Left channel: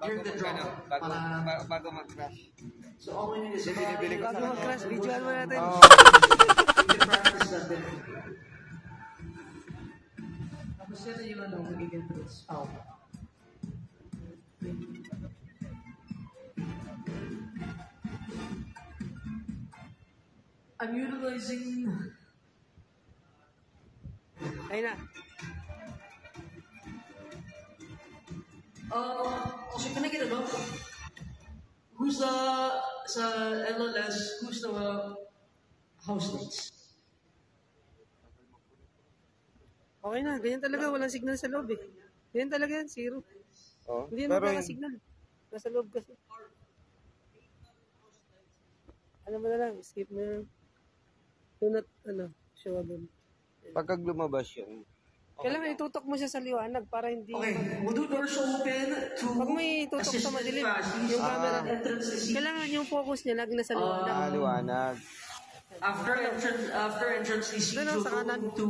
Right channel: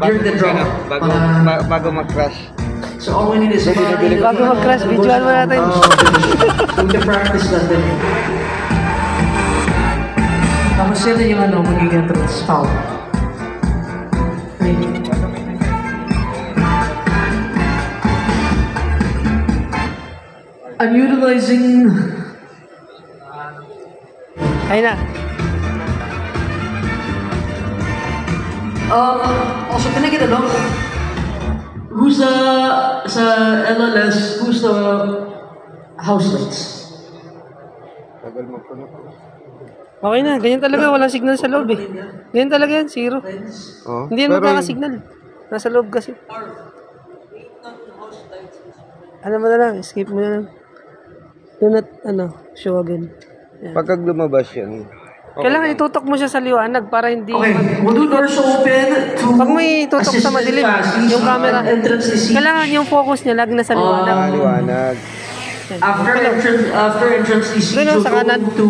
during the drop. Bago mag-crash. So all we need is Bago mag-crash, videoan mo natin. to practice natin. Tapos yun yung ano, magiging entrance foul. I'm utilizing... Ayun na. Also, can I get a look? Who's sa LLS, who's the house lights? Okay na, ganyan talaga. Walang signal sa loob eh. Ganyan talaga yan, zero. Hindi yan magkakasignal. Nasa loob kasi. Ano mo na lang, escape mo na lang. Do not, show again. Yan. Pagka lumabas yan. Kailangan itutok mo siya sa liwanag para hindi... Okay, we'll do doors open to... Pag may itutok sa madilim, yung camera, kailangan yung focus niya lagi na sa liwanag. Liwanag. Yan. After entrance to siege, Doon, we'll sa go kanan. to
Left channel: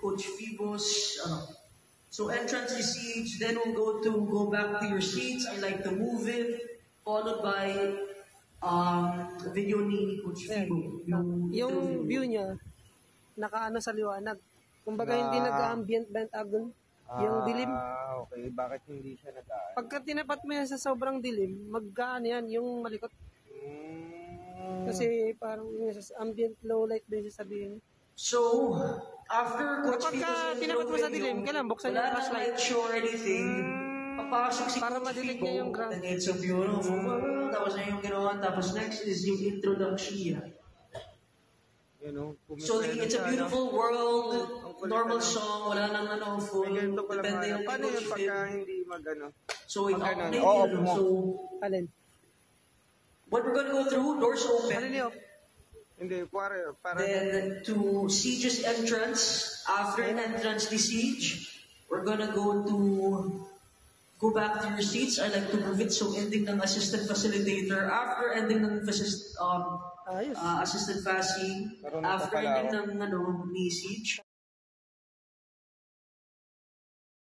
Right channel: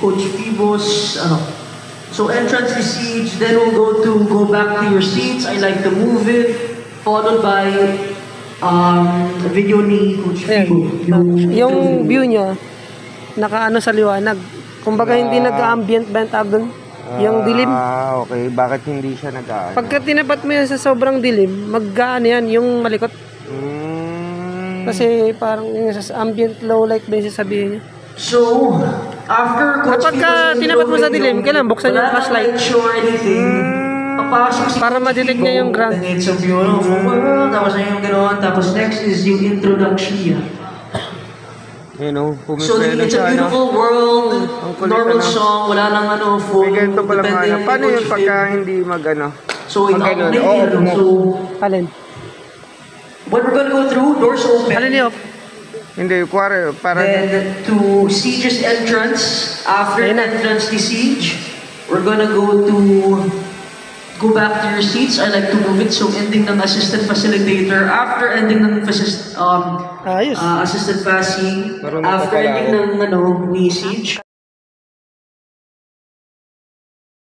Coach Pibos, So entrance to siege, then we'll go back to your seats. I like to move it, followed by video ni Coach Pibo. Yung view niya, nakaano sa liwanag. Kumbaga hindi nag-ambient bent up doon. Yung dilim. Okay. Bakit hindi siya nag-aano? Pagka tinapat mo yan sa sobrang dilim, mag-ano yan, yung malikot. Kasi parang yung sa ambient low light ba yung sasabihin niya. So, after Coach Kapag tinapat mo sa dilim, kailangan buksan yung flashlight. Para ma-detect niya yung ground. It's a beautiful world. Tapos na yung gano'n. Tapos next is yung introduction. So it's a beautiful world. Normal song. Wala nang full. May ganito pala mga paano yun pagka hindi So Alin? when we're gonna go through, doors open. Alin niyo? Hindi, kuwari, para... Then to Siege's entrance, after entrance to Siege, we're gonna go back to your seats. I like to move it. So ending ng assistant facilitator, after ending ng assistant facing, after ending ng ni Siege.